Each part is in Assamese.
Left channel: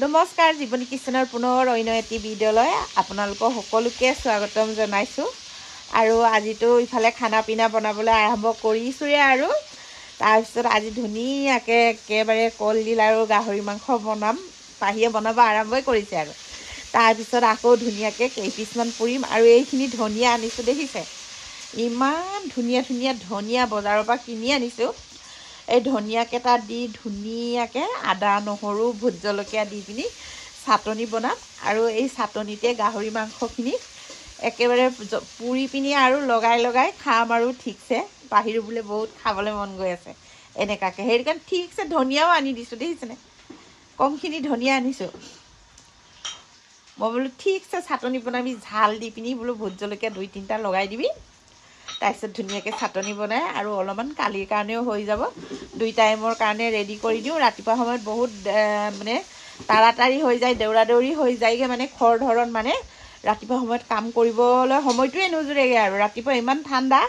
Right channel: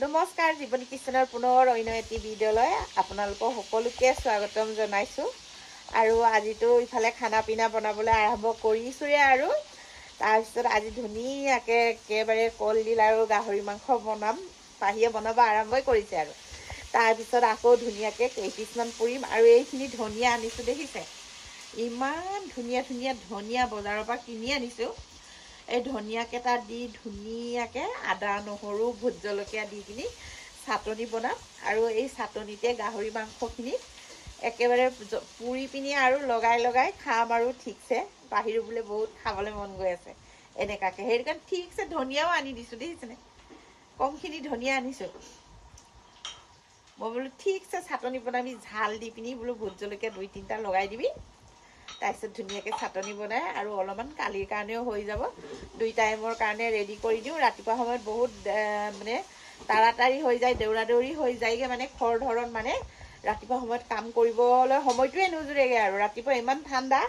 নমস্কাৰ জীৱনী কিচেনৰ পুনৰ অন্য এটি ভিডিঅ'লৈ আপোনালোকক সকলোকে স্বাগতম জনাইছোঁ আৰু আজিতো ইফালে খানা পিনা বনাবলৈ আৰম্ভ কৰিছোঁৱে আৰু তাৰপিছত আজি ধুনীয়াকৈ একেবাৰে কলডিল আৰু গাহৰি মাংস বনাম পাহিয়ে বনাব আৰম্ভই কৰিছে আৰু তাৰপিছত আকৌ ধুনীয়াকৈ কেইপিচমান পুৰিম আৰু এইখিনি ধনিয়া আনিছোঁ দেখিছে ইমান ধুনীয়া ধুনীয়া ধনিয়া বজাৰৰ পৰা কিনি আনিছোঁ এই ধনিয়াকেইটা দি ধুনীয়াকৈ আদা নহৰু ভোট জলকীয়া দি পিনি চাটনি বনাম আৰু এই চাটনিতে গাহৰি মাংসখিনি একেবাৰে পুৰি পিনি আৰু লগাই লগাই খাম আৰু ঠিকছে পাহিৰো বোলে বহুত খাবলৈ মন গৈ আছে এনেকুৱাকৈ সেইটো কাৰণে ঠিকছে ধনিয়াও আনি দিছোঁ দেখিছেনে কমখিনি ধনিয়া আনিছোঁ মই বোলো ঠিকছে চাটনি বনাবি ঝাল দি পিনি বোলো ভোট জলকীয়া 2-3টা লগাই দিবি তাৰপিছত ধুনীয়াকৈ চাটনি বনাই আৰু অলপমান কালিৰ কাৰণেও হৈ যাব 2 টাইমৰ কাৰণে ৰেডি কৰি দিওঁ ৰাতিপুৱা সময়ত বহুত মানে তাড়াতাড়ি হৈ যায় দেউৰা দৌৰি হৈ যায়গৈ মানে খৰ ধৰণ মানে ৰাতিপুৱা সময়ত কাম কৰিবলৈ সময়টোৱে নোজোৰেগৈ আৰু ৰাতিপুৱা ইমান ঠাণ্ডা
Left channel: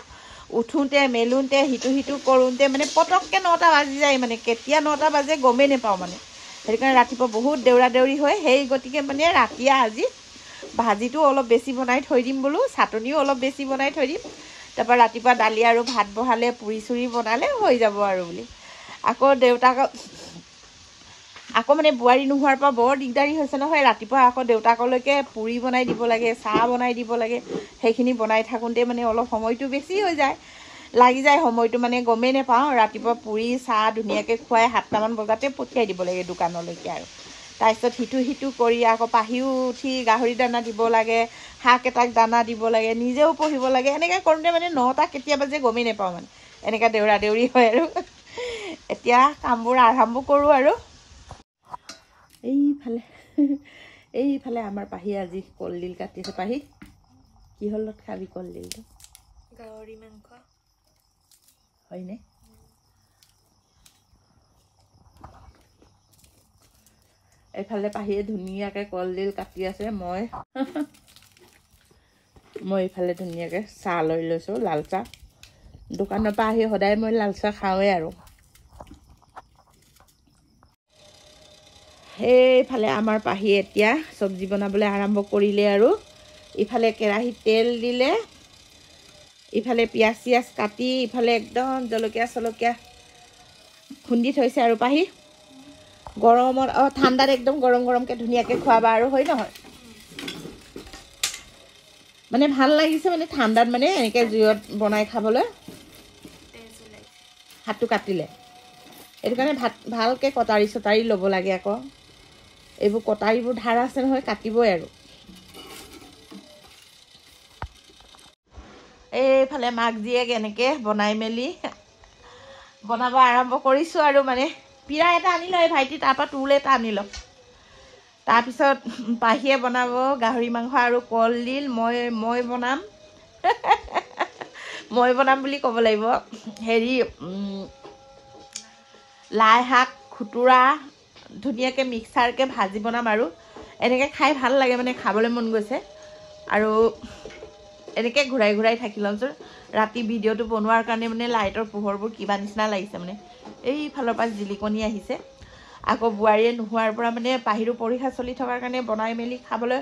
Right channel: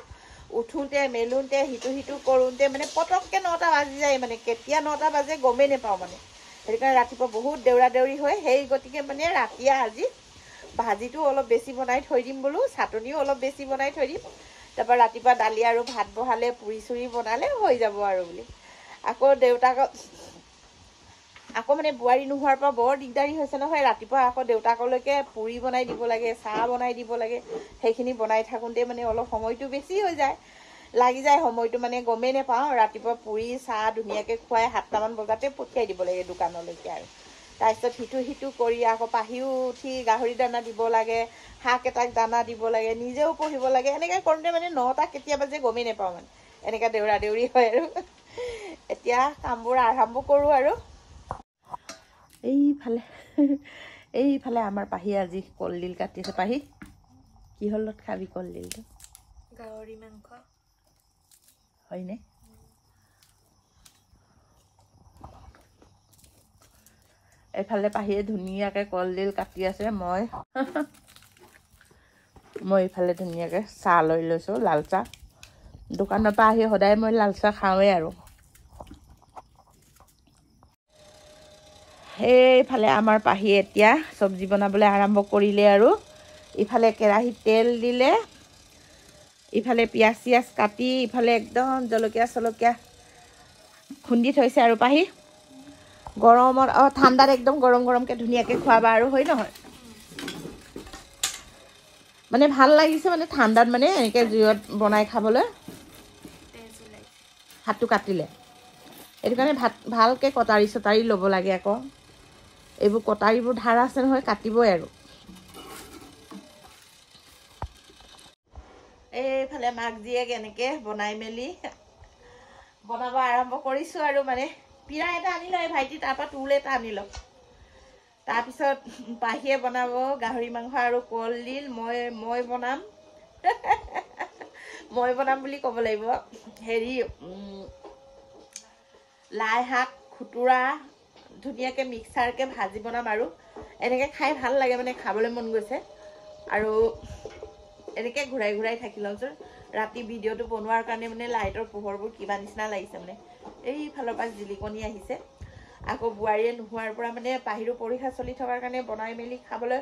উঠোঁতে মেলোঁতে সিটো কৰোঁতে মানে পটককৈ 9টা বাজি যায় মানে কেতিয়া 9টা বাজে গমেই নাপাওঁ মানে সেইটো কাৰণে ৰাতিপুৱা বহুত দেউৰা দৌৰি হয় সেই গতিকে মানে ৰাতিয়ে আজি ভাজিটো অলপ বেছি বনাই থৈ দিম বোলো চাটনিও অলপ বেছি বনাই থৈ দিম তাৰপৰা ৰাতিপুৱা দালি আৰু ভাত বহালে পুৰি চুৰি বনালে হৈ যাব আৰু বুলি আকৌ দেউতাক আকৌ মানে বোৱাৰী নোহোৱাৰ পৰা বৰ দিগদাৰী হৈছে নহয় ৰাতিপুৱা আকৌ দেউতাকলৈকে পুৰি বনাই দিব লাগে চাহ বনাই দিব লাগে সেইখিনি বনাই থাকোঁতে মানে অলপ সময়টো বেছি হৈ যায় লাগি যায় সময়টো মানে গমেই নাপাওঁ ৰাতিপুৱা পুৰি চাহ ধুনীয়াকৈ খুৱাই 7টামান বজাতে পঠিয়াই দিব লাগে দোকানলৈকে আৰু তাৰপিছত সিটো কৰি আকৌ পাহিও উঠি গাহৰি দানা দিব লাগে হাঁহকেইটাক দানা দিব লাগে নিজেও পঢ়িব লাগে এনেকৈ কৰোঁতে মানে 9টা কেতিয়া বাজে গমেই নাপাওঁ মানে এনেকৈ দেউৰা দেউৰি হয় আৰু এতিয়া কামবোৰ আৰম্ভ কৰোঁ আৰু এইফালে আমাৰ পাহিয়ে আজি কলডিল কাটিছে পাহি কিহৰ লগত খাবি কলডিলটো গাহৰি মাংস হয়নে এইফালে পাহিয়ে ধুনীয়াকৈ কলডিল কাটি আছে মই এইফালে ধুনীয়াকৈ চাহ লৈ লৈছোঁ লাল চাহ দোকানৰ পৰা আহি সদায় মই লাল চাহ খাওঁৱেই আৰু সেইফালে আমাৰ পাহিয়ে এতিয়া চব্জি বনাবলৈ আৰম্ভ কৰিলে আৰু ইফালে কেৰাহীত তেল দিলে ইফালে পিঁয়াজ চিয়াজ কাটি ইফালে একদম জলকীয়া চলকীয়া খুন্দি থৈছে আৰু পাহি গৰমত ঠাণ্ডাত একদম গৰম গৰমকৈ ধুনীয়াকৈ খোৱাবা আৰু হয় নহয় মানে ভাল লাগিছে মানে ঠাণ্ডাত মানে এনেকৈ জুইত বনাই খাবলৈ হাতটো কাটিলে সেইটো কাৰণে ভালকৈ কটাৰী চটাৰী ল'ব লাগে আকৌ এইবোৰ কটাৰীবোৰ ধাৰ আছে নহয় কাটিবই আৰু এইফালে মাক জীয়েক এনেকৈ বনাই মেলি বনাব আৰম্ভ কৰিছোঁ আৰু মানে পিৰা এটা আনি লয় ভাইটি তাৰপৰা টুল এটা আনি লওক তাৰপিছত পাহিয়ে বনাব গাহৰি মাংস আৰু কলডিল মই বনাম মই বনাম বুলি ক'ব লাগিব হেৰি লাই শাক খুতুৰা ধুনীয়াকৈ মিক্সাৰকৈ ভাজি বনাম আৰু এনেকৈ খাই ভাল লাগে মানে খাবলৈ মন গৈছে আৰু এনেকৈ ঘূৰাই ঘূৰাই থাকি লওঁচোন ৰাতি ভিডিঅ'টো বনোৱাৰ কাৰণে মানে লাইটৰ পোহৰবোৰ কিবা নিচিনা লাগিছে মানে এইফালৰ পৰা জিলিকনি আহিছে আকৌ বোৱাৰীয়ে নোহোৱাৰ পৰা মানে পাহিৰো পৰীক্ষা চলি থকাৰ কাৰণে বনাই মেলি খাবলৈ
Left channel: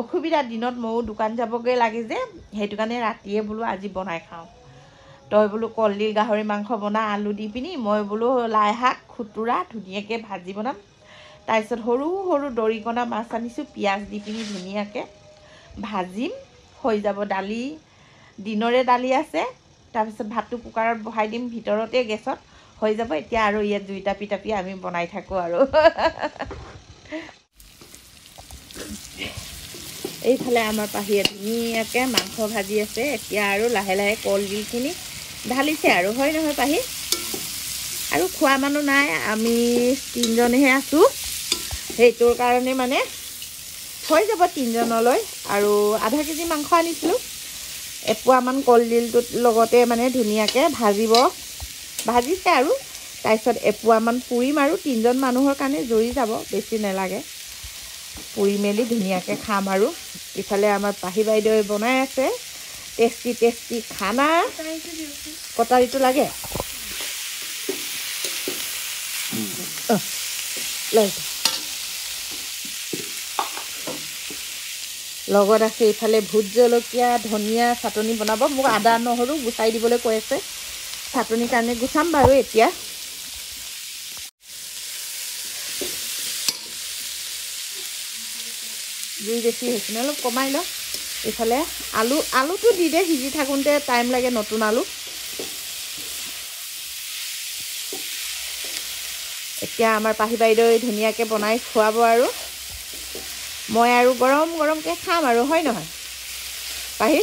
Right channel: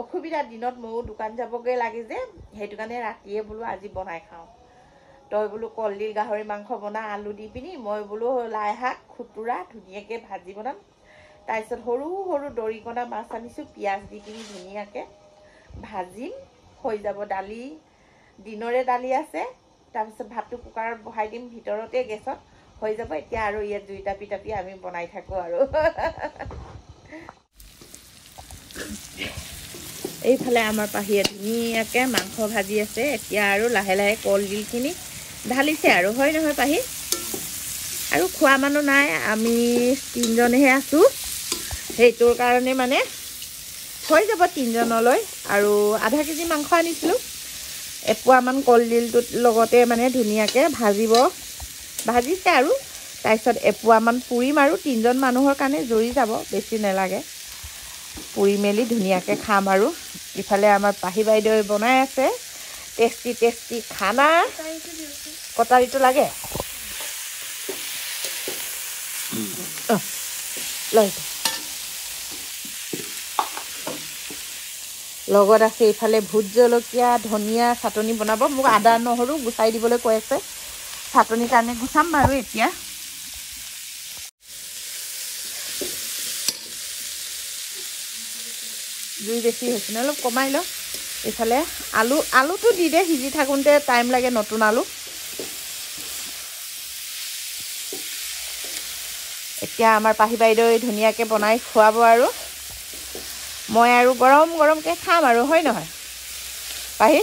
অসুবিধা দিনত ময়ো দোকান যাবগৈ লাগে যে সেইটো কাৰণে ৰাতিয়ে বোলো আজি বনাই খাওঁ তই বোলো কলডিল গাহৰি মাংস বনা আলু দি পিনি মই বোলো লাই শাক খুতুৰা ধুনীয়াকৈ ভাজি বনাম তাৰপিছত সৰু সৰু দৰিকণা মাছ আনিছোঁ পিঁয়াজ দি পিনি ধুনীয়াকৈ ভাজিম হৈ যাব দালি দিনৰে দালি আছে তাৰপিছত ভাতটো কুকাৰত বহাই দিম ভিতৰতে গেছত হৈ যাব এতিয়া আৰু ইয়াত জুই টাপি টাপি আমি বনাই থাকোঁ আৰু এইফালে আমাৰ পাহিয়ে ধুনীয়াকৈ মাংস ভাজি আছে এতিয়া আৰু লাহে লাহে কলডিলখিনি ঢালিছে আৰু হয় নহয় পাহি আৰু খোৱা মানুহ নাই আমি 3জনেহে আছোঁ সেইটোৰ কাৰণে মানে হৈ যাব 3জনলৈ আৰু আধা কেজি মাংস আনিছিলোঁ এপোৱামান কলডিলটোত লগতে মানে ধুনীয়াকৈ ভাজিছে আৰু তাৰপিছত এপোৱামান পুৰিম আৰু 3জন মানুহৰ কাৰণে জৰি যাব বেছি নালাগে পুৰি মেলি ধুনীয়াকৈ খাম আৰু ইফালে আমাৰ পাহি বাইদেৱে বনাই আছে টেষ্টি খানা কটাৰীটো লাগে লৈ লগত আছে এইফালে ভোট জলকীয়া ধনিয়া চাটনি বনাব মোক আদা নহৰু গুচাই দিবলৈ কৈ আছে চাটনিৰ কাৰণে গুচাম বাৰু এতিয়া জুই বেছি হৈছে ন অলপ কমাই লওঁ এইফালে আলুটো দি দে সিজি থাকোঁতে টাইম লাগে নতুন আলু এতিয়া আমাৰ পাহি বাইদেৱে ধুনীয়াকৈ বনাই খুৱাব আৰু মই আৰু গৰম গৰমকৈ খাম আৰু হয় নহয় পাহি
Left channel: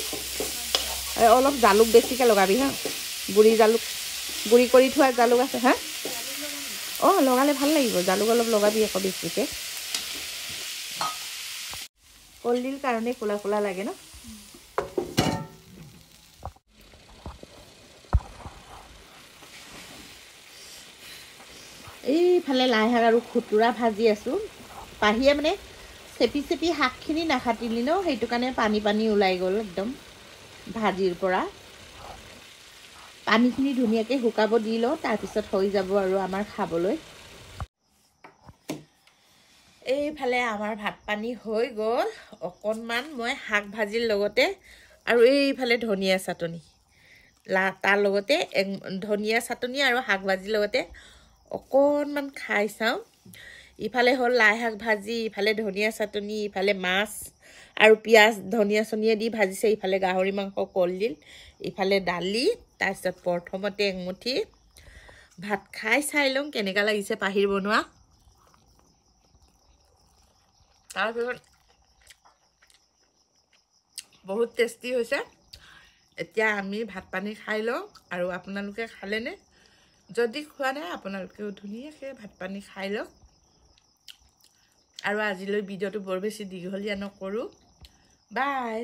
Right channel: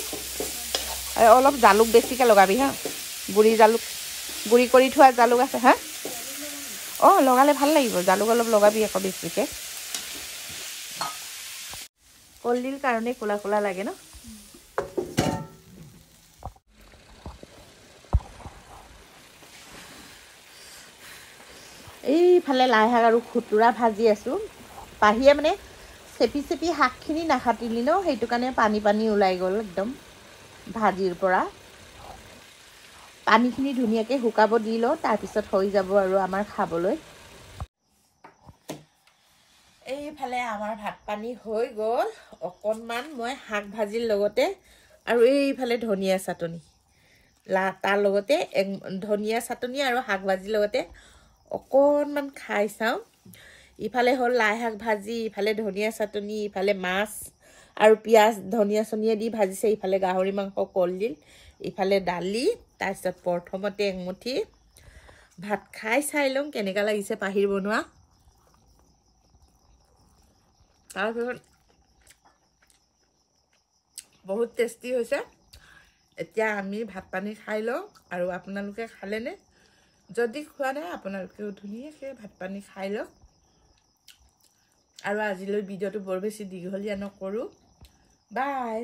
অলপ জালুক বেছিকৈ লগাবি হা গুড়ি কৰি থোৱা জালুক আছে হা অঁ লগালে ভাল লাগিব জালুক অলপ লগাবি আকৌ বেছিকৈ কলডিল কাৰণে কোলা কোলা লাগে ন এইফালে লাই শাক আৰু খুতুৰা ভাজি আছোঁ পাহিয়ে মানে চেপি শাকখিনি নাখাটিলি ন সেইটো কাৰণে পানী ওলাই গ'ল একদম ভাজিৰ পৰা পানীখিনি ধুনীয়াকৈ শুকাব দি লওঁ তাৰপিছত হৈ যাব আৰু আমাৰ খাবলৈ এইফালে আমাৰ ভাত পানী হৈ গ'ল অকণমান মই শাক ভাজিৰ লগতে আৰু এইফালে ধনিয়া চাটনি তাৰ লগতে ধনিয়া চাটনি আৰু শাক ভাজিৰ লগতে অকণমান খাই চাওঁ ইফালে হ'ল লাই শাক ভাজি ইফালে ধনিয়া চাটনি ইফালে মাছ আৰু পিঁয়াজ ধনিয়া চনিয়া দি ভাজিছে ইফালে গাহৰি মাংস কলডিল ইফালে দালি তাৰপিছত প্ৰথমতে এমুঠি ভাত খাই চাই লওঁ কেনেকুৱা লাগিছে পাহিৰ বনোৱা তাৰপিছত বহুত টেষ্টি হৈছে এতিয়া আমি ভাত পানী খাই লওঁ আৰু আপোনালোকে খালেনে যদি খোৱা নাই আপোনালোকেও ধুনীয়াকৈ ভাত পানী খাই লওক আৰু আজিলৈ ভিডিঅ'টো বৰ বেছি দীঘলীয়া নকৰোঁ বাই